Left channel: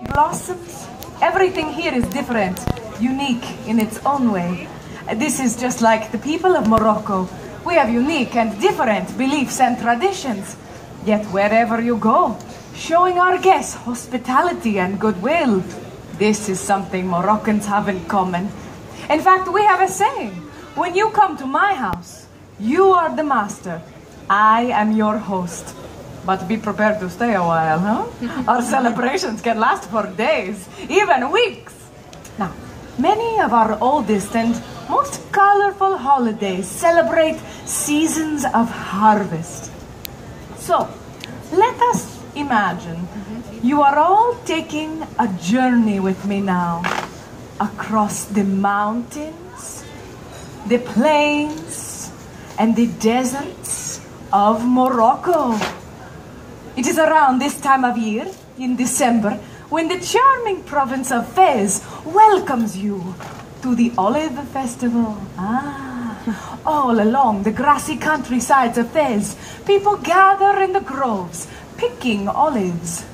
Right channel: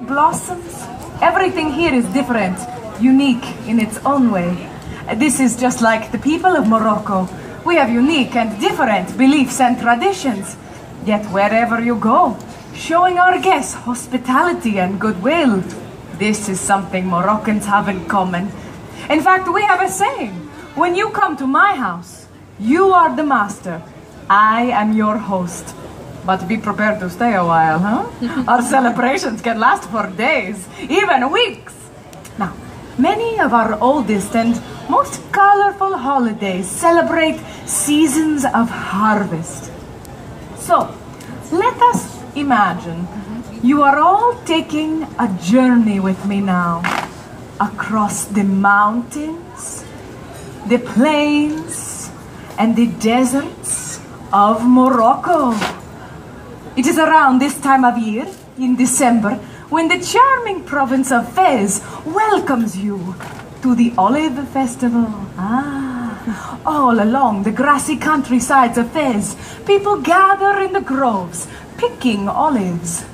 Blossoms. Everything here is different, unique in its own way. This is just like the people of Morocco. We have unique and different beliefs and traditions. Yet wherever you go, showing our guests hospitality and goodwill. This is something Moroccans have in common. In fact, we have a saying. When you come to my house, you are the master. I am your host. But be prepared to stay a while, huh? Our celebrations can last for days, even weeks. Now, many of our oldest and most colorful holidays celebrate seasons of harvest. So, let us imagine you are all taking a journey with me now across the mountains, the plains, and the deserts of Morocco. It is around this time of year, in December, when the charming province of Fez welcomes you to the Olive Festival. All along the grassy countrysides of Fez, people gather in the groves, picking olives.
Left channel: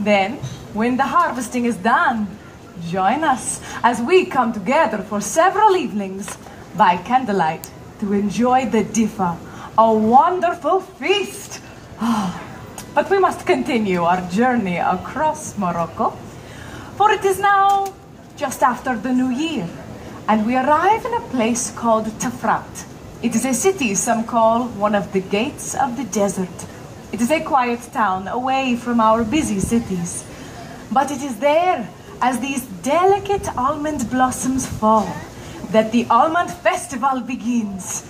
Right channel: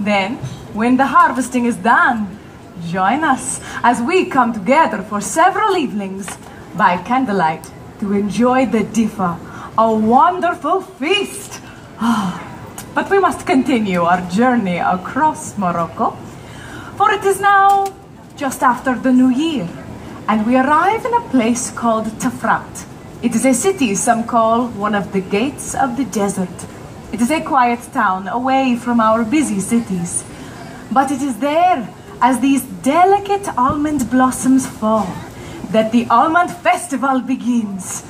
Then, when the harvesting is done, join us as we come together for several evenings by candlelight to enjoy the Difa, a wonderful feast. But we must continue our journey across Morocco, for it is now just after the New Year, and we arrive in a place called Tafrat. It is a city some call one of the gates of the desert. It is a quiet town away from our busy cities, but it is there, as these delicate almond blossoms fall, that the Almond Festival begins.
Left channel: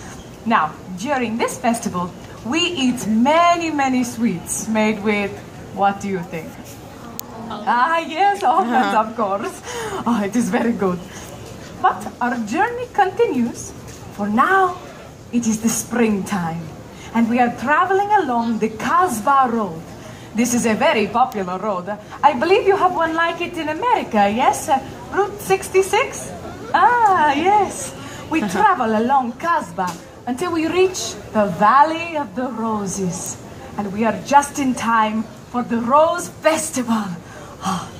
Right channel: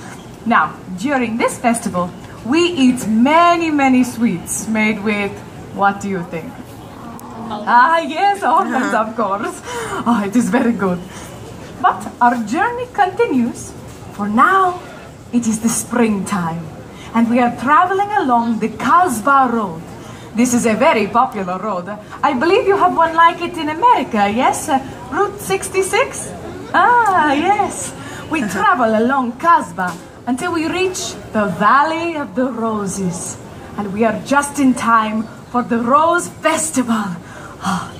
Now, during this festival, we eat many sweets made with, what do you think? Yes, almonds, of course. Oh, it is very good. But our journey continues, for now it is the springtime, and we are traveling along the Kasbah Road. This is a very popular road. I believe you have one like it in America, yes? Route 66? Yes. We travel along Kasbah until we reach the Valley of the Roses. And we are just in time for the Rose Festival.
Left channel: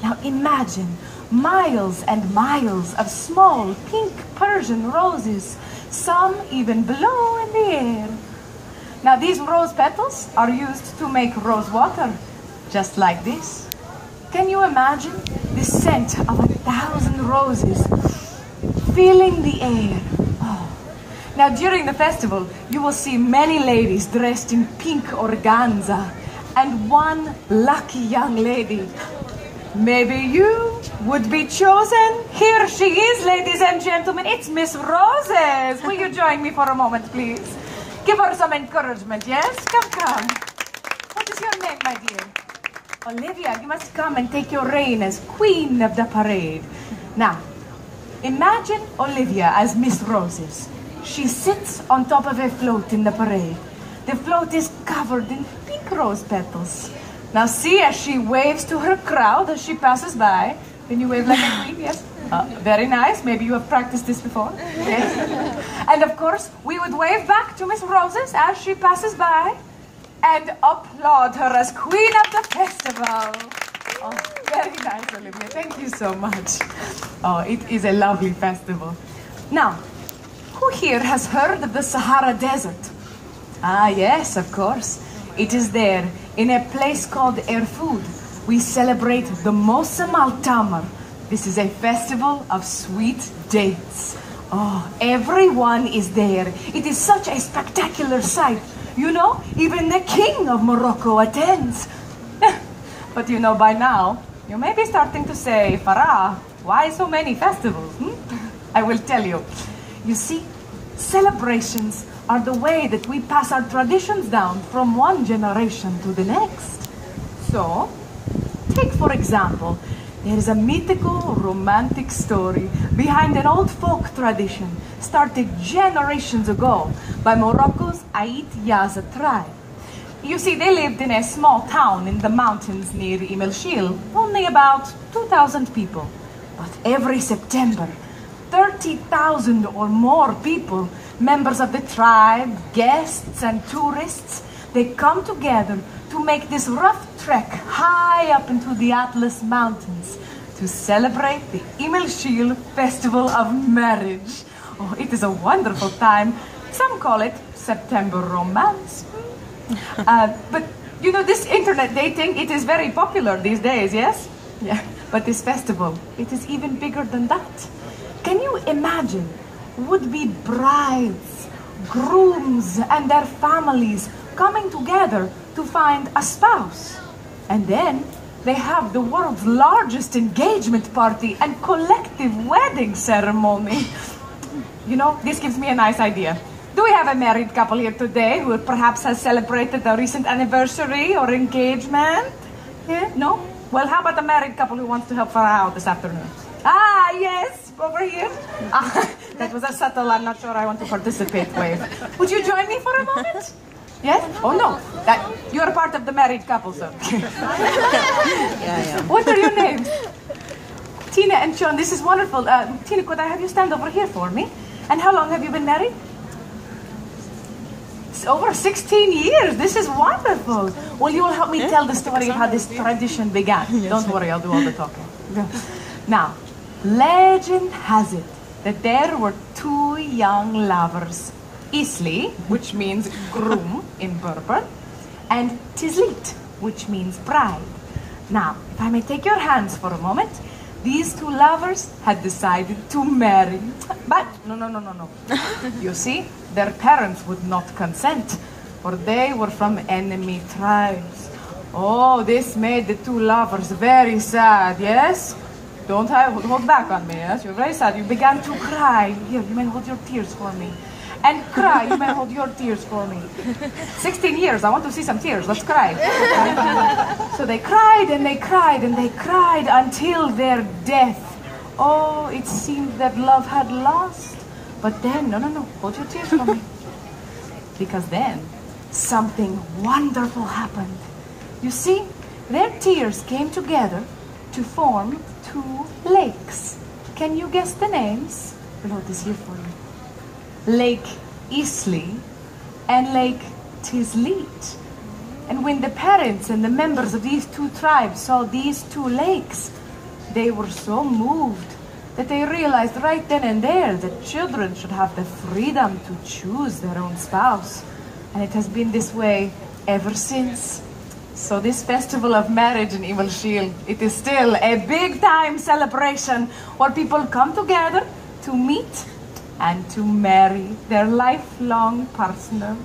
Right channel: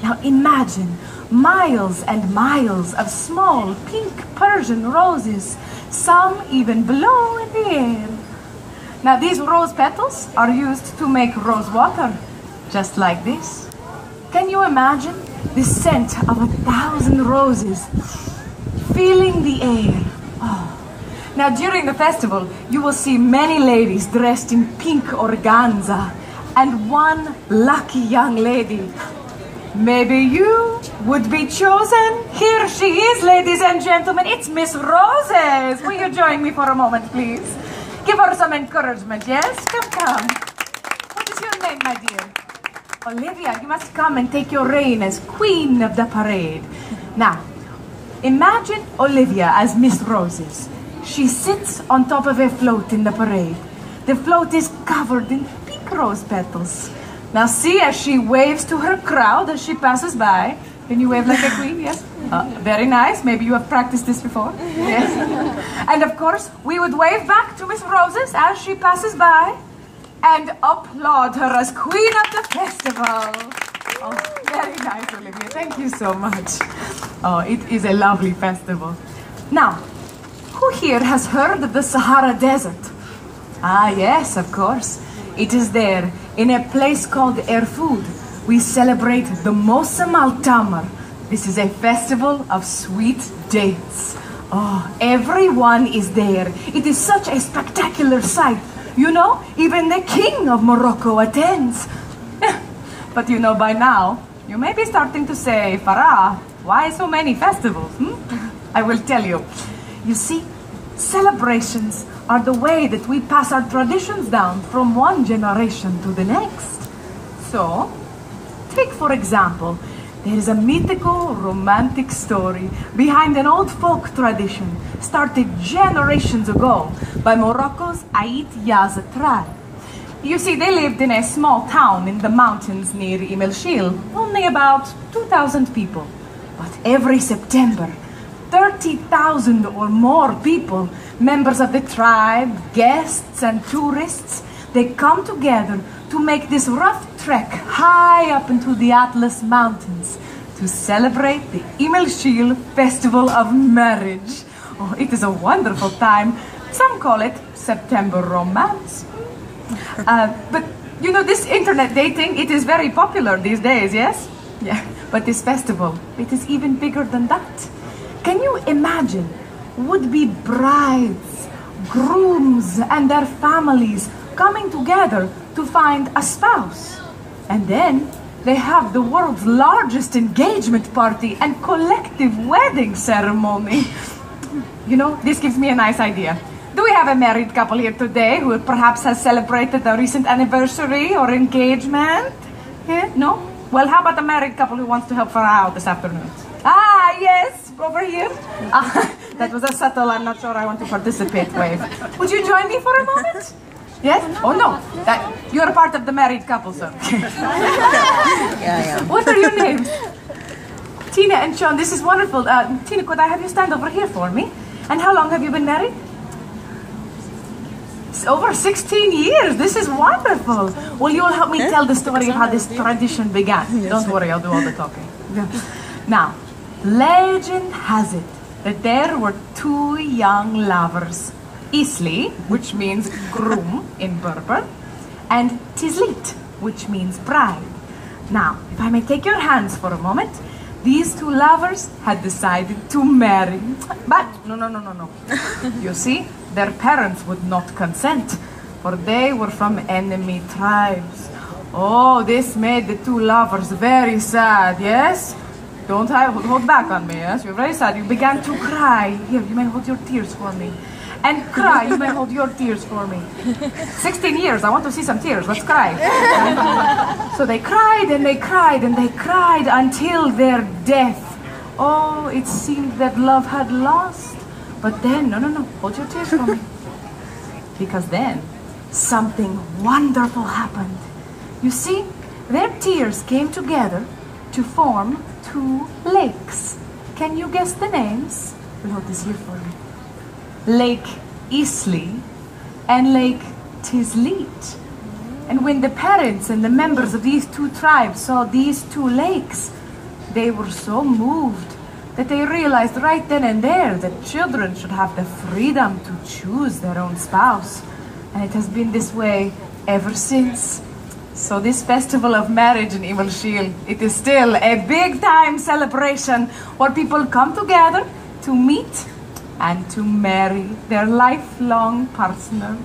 Now imagine miles and miles of small pink Persian roses, some even blow in the air. Now these rose petals are used to make rose water, just like this. Can you imagine the scent of 1,000 roses filling the air? Now, during the festival, you will see many ladies dressed in pink organza, and one lucky young lady. Maybe you would be chosen. Here she is, ladies and gentlemen. It's Miss Roses. Will you join me for a moment, please? Give her some encouragement, yes? Come. What is your name, my dear? Olivia, you must come and take your reign as queen of the parade. Now, imagine Olivia as Miss Roses. She sits on top of a float in the parade. The float is covered in pink rose petals. Now see as she waves to her crowd as she passes by. Can you wave like a queen? Yes? Very nice. Maybe you have practiced this before. Yes. And of course, we would wave back to Miss Roses as she passes by and applaud her as queen of the festival. Oh, very nice, Olivia. Thank you so much. Oh, it is a lovely festival. Now, who here has heard of the Sahara Desert? Yes, of course. It is there, in a place called Erfoud. We celebrate the Mosam al-Tamar. This is a festival of sweet dates. Everyone is there. It is such a spectacular sight. You know, even the king of Morocco attends. But you know, by now, you may be starting to say, Farah, why so many festivals? I will tell you. You see, celebrations are the way that we pass our traditions down from one generation to the next. So, take for example, there is a mythical, romantic story behind an old folk tradition started generations ago by Morocco's Ait Yaza tribe. You see, they lived in a small town in the mountains near El Shil, only about 2,000 people. But every September, 30,000 or more people, members of the tribe, guests and tourists, they come together to make this rough trek high up into the Atlas Mountains to celebrate the Imilshil Festival of Marriage. Oh, it is a wonderful time. Some call it September Romance. But you know, this internet dating, it is very popular these days, yes? Yeah, but this festival, it is even bigger than that. Can you imagine would-be brides, grooms, and their families coming together to find a spouse? And then they have the world's largest engagement party and collective wedding ceremony. You know, this gives me a nice idea. Do we have a married couple here today who perhaps has celebrated a recent anniversary or engagement? Yeah? No? Well, how about a married couple who wants to help Farah out this afternoon? Ah, yes, over here. That was a subtle, I'm not sure I want to participate wave. Would you join me for a moment? Yes? Oh, no. You're a part of the married couple, sir. Yeah. What are your names? Tina and Sean, this is wonderful. Tina, could I have you stand over here for me? And how long have you been married? It's over 16 years. This is wonderful. Well, you will help me tell the story of how this tradition began. Don't worry, I'll do all the talking. Now, legend has it that there were two young lovers, Isli, which means groom in Berber, and Tizlit, which means bride. Now, if I may take your hands for a moment, these two lovers had decided to marry. But, no. You see, their parents would not consent, for they were from enemy tribes. Oh, this made the two lovers very sad, yes? Don't hold back on me, yes? You're very sad. You began to cry. Here, you may hold your tears for me. And cry. You may hold your tears for me. 16 years. I want to see some tears. Let's cry. So they cried and they cried and they cried until their death. Oh, it seemed that love had lost. But then, no. Hold your tears for me. Because then, something wonderful happened. You see, their tears came together to form two lakes. Can you guess the names? We hold this here for you. Lake Isli and Lake Tizlit. And when the parents and the members of these two tribes saw these two lakes, they were so moved that they realized right then and there that children should have the freedom to choose their own spouse. And it has been this way ever since. So this festival of marriage in Imilshil, it is still a big time celebration where people come together to meet and to marry their lifelong partner.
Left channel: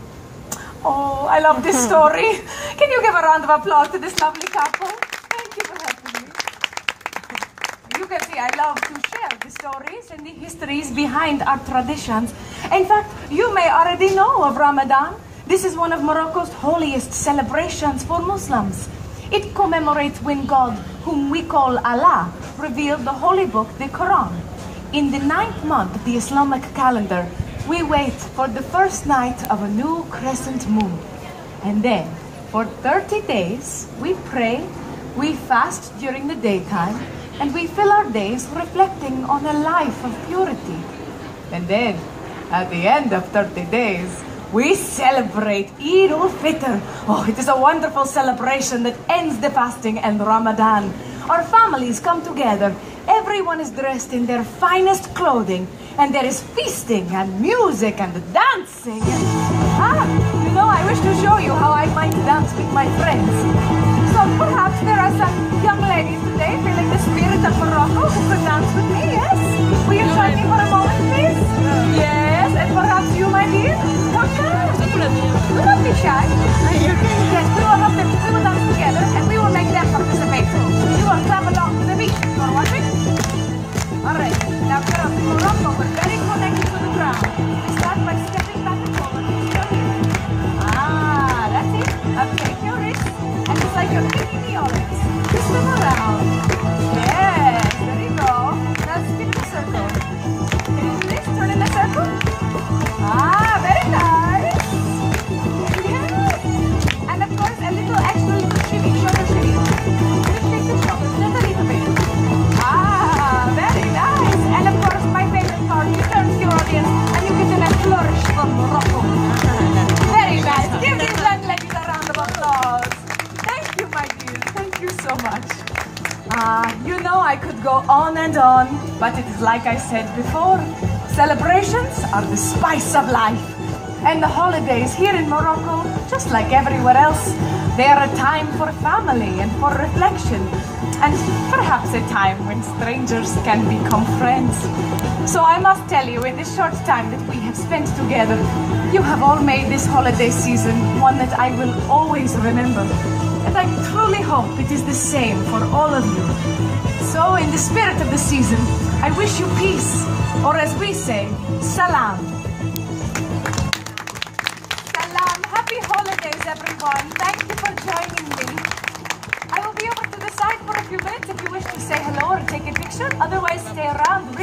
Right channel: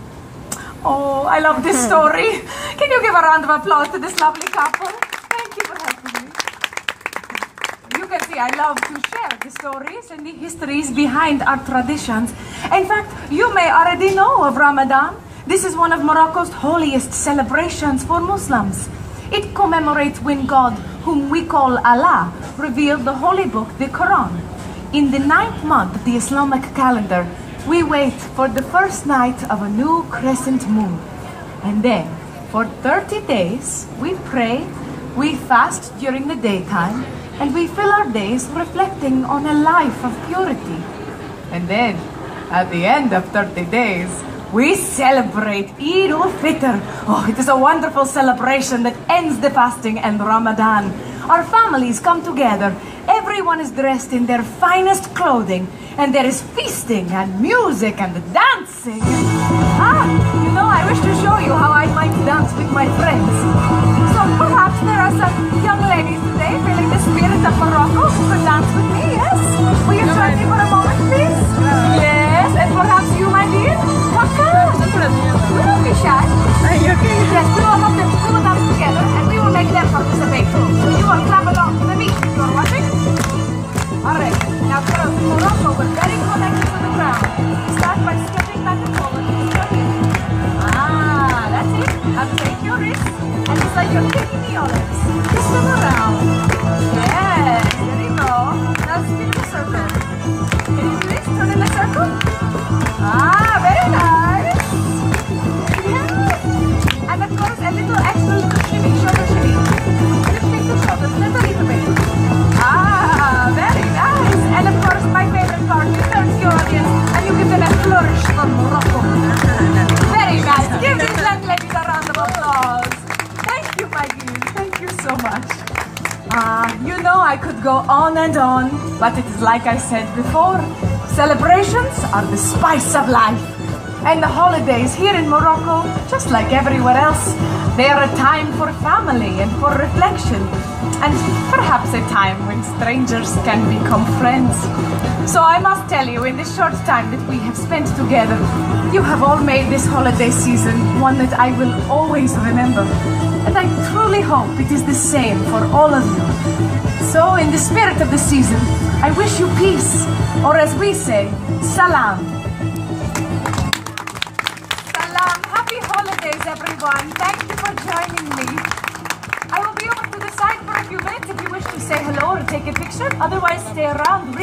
Oh, I love this story. Can you give a round of applause to this lovely couple? Thank you for helping me. You can see I love to share the stories and the histories behind our traditions. In fact, you may already know of Ramadan. This is one of Morocco's holiest celebrations for Muslims. It commemorates when God, whom we call Allah, revealed the holy book, the Quran. In the 9th month of the Islamic calendar, we wait for the first night of a new crescent moon. And then, for 30 days, we pray, we fast during the daytime, and we fill our days reflecting on a life of purity. And then, at the end of 30 days, we celebrate Eid al-Fitr. Oh, it is a wonderful celebration that ends the fasting and Ramadan. Our families come together. Everyone is dressed in their finest clothing. And there is feasting and music and dancing. You know, I wish to show you how I might dance with my friends. So perhaps there are some young ladies today feeling the spirit of Morocco who could dance with me, yes? Will you join me for a moment, please? Yes, and perhaps you, my dear? Don't be shy. Yes, we will dance together and we will make them participate too. You will clap along to the beat. You're watching? Alright, now girls, in Morocco, we're very connected to the ground. Start by stepping back and forward. That's it. Now take your wrist and it's like you're kicking the olives. Just You know I could go on and on, but it is like I said before, celebrations are the spice of life. And the holidays here in Morocco, just like everywhere else, they are a time for family and for reflection, and perhaps a time when strangers can become friends. So I must tell you, in this short time that we have spent together, you have all made this holiday season one that I will always remember. And I truly hope it is the same for all of you. So in the spirit of the season, I wish you peace, or as we say, salam. Salam. Happy holidays, everyone. Thank you for joining me. I will be over to the side for a few minutes if you wish to say hello or take a picture. Otherwise, stay around.